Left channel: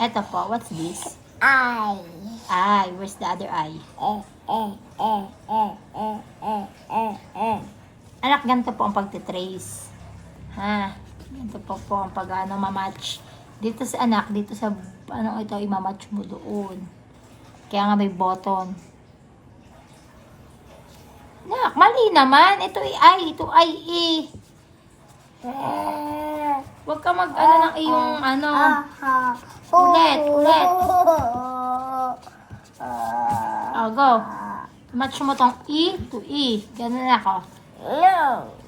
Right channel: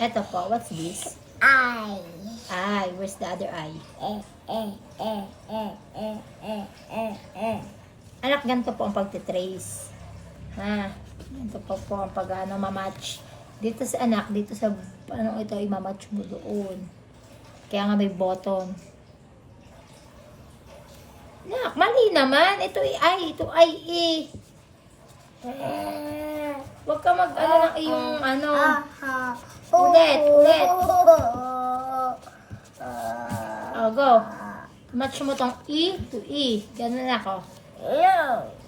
Eto po, what's this? Eye. Eye, where's the other eye? Anak, ganito po ang pagtitrace. Ha? Ganito po ang pag-ano, mamatch. Dito sa anak, dito sa, ano ito, imamatch mo doon. Kaya nga may button. Anak, mali naman. Ito ay, ito ay Huwag ka mag-ano ng iyong, ano. Ulit. Go. Match mo tong E to E. Ganun ako.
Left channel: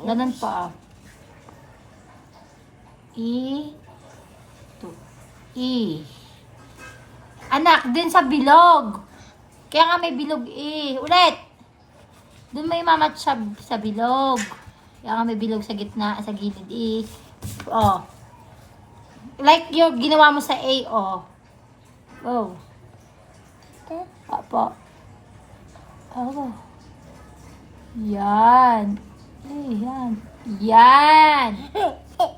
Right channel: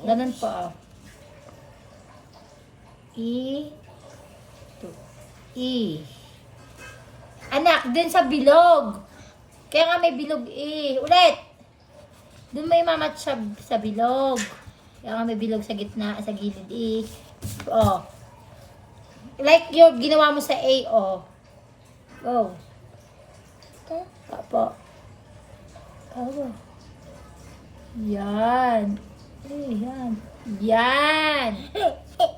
Ganun po. E to E. Anak, dun sa bilog. Kaya nga may bilog E. Ulit. Dun may mamatch sa bilog. Kaya nga may bilog sa gitna, sa gilid E. Like yung ginawa mo sa A, Oh. Apo. Yan. Yan.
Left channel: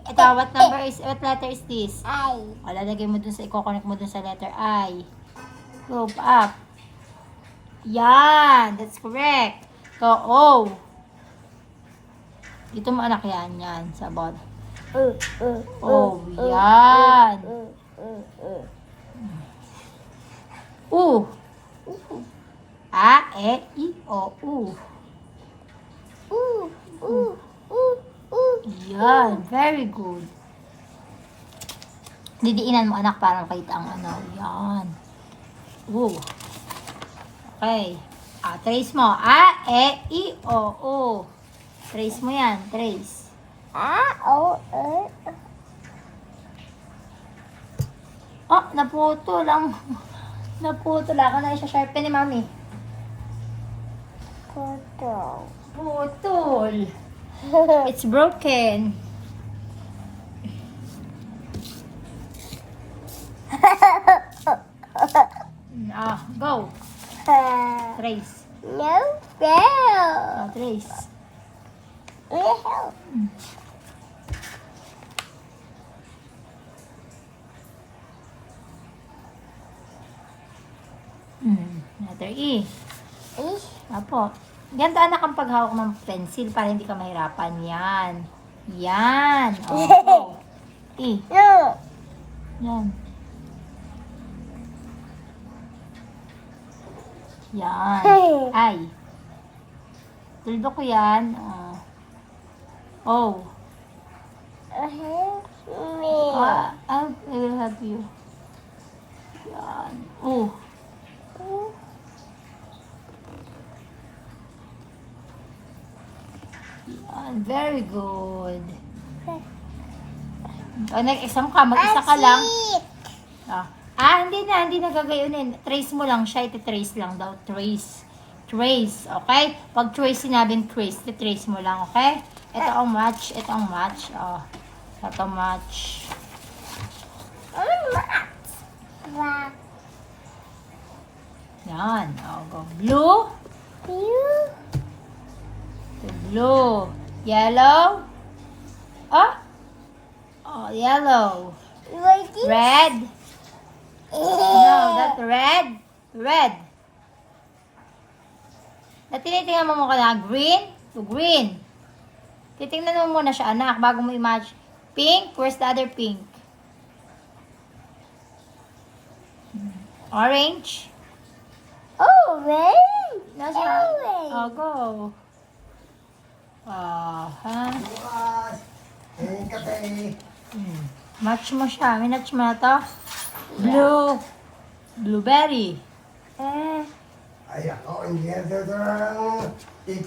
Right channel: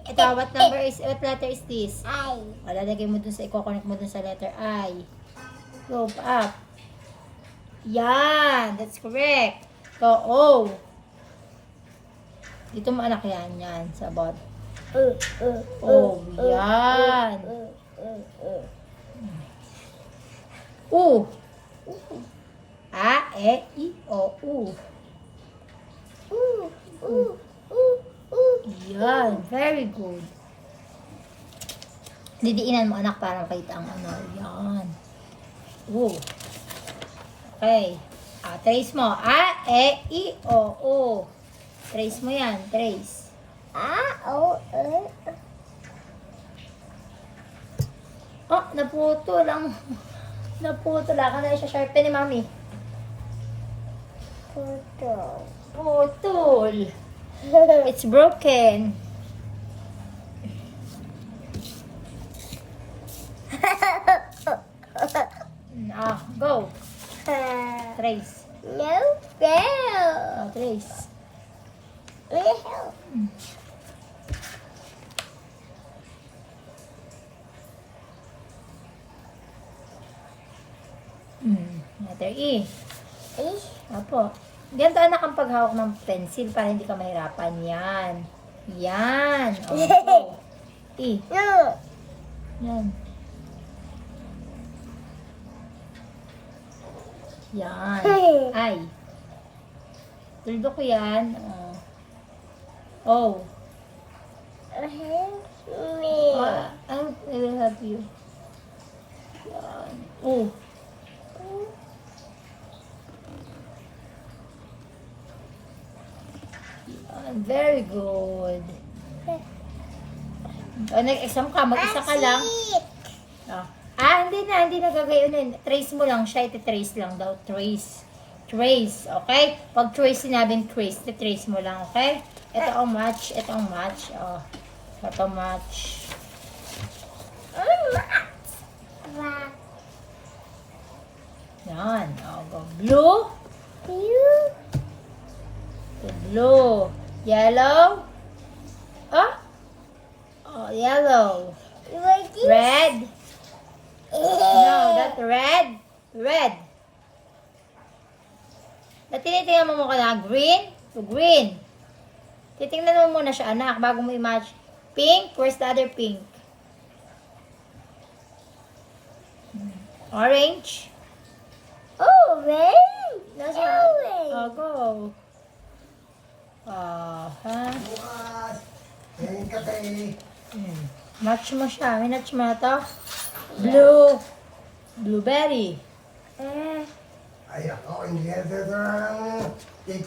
Ito, what letter is this? I. Lalagay mo dun sa, i-connect mo dun sa letter I. Go up. Yan. That's correct. So, O. Dito mo anak yan. Sabot. Yan. U. A, E, I, O, U. Yan. Very good. Didiinan mo anak para makita ang ano. Yan. U. Okay. Trace mo. A, E, I, O, U. Trace mo yan. Trace. Naputol lang. Naputol ako na isa-sharpen ni Mami. Putol. It's broken. Go. Trace. No, fail. Trace. Letter E. Apo. Ganda anak ang paghawak ng pencil para hindi ka mahirapan. Yan. Yan. Go. E. No. Yan. Yan. I. Tuldo ko yan. O. Me. I will help you. Yan. O. Yan. Very good. Nag-exam ka. Mag-isa ka lang. Hindi na gagayunin. Trace mo lang siya. Iti-trace lang daw. Trace. Okay? Pag trace, sinabing trace. Iti-trace mo lang. Okay? Ito ang match. Ito ang match. Ito match. Yan. Go. Blue. Blue. Yellow. Yellow. Red. No, that's red. Red. Tinitingnan mo ka na green to green. Titingnan mo muna siya, anak, bago mo i-match. Pink, where's the other pink? Orange. Nasa, go. Match mo siya. Minatch mo na to. Blue. Blueberry. Ay, ako, hindi yan. Tita.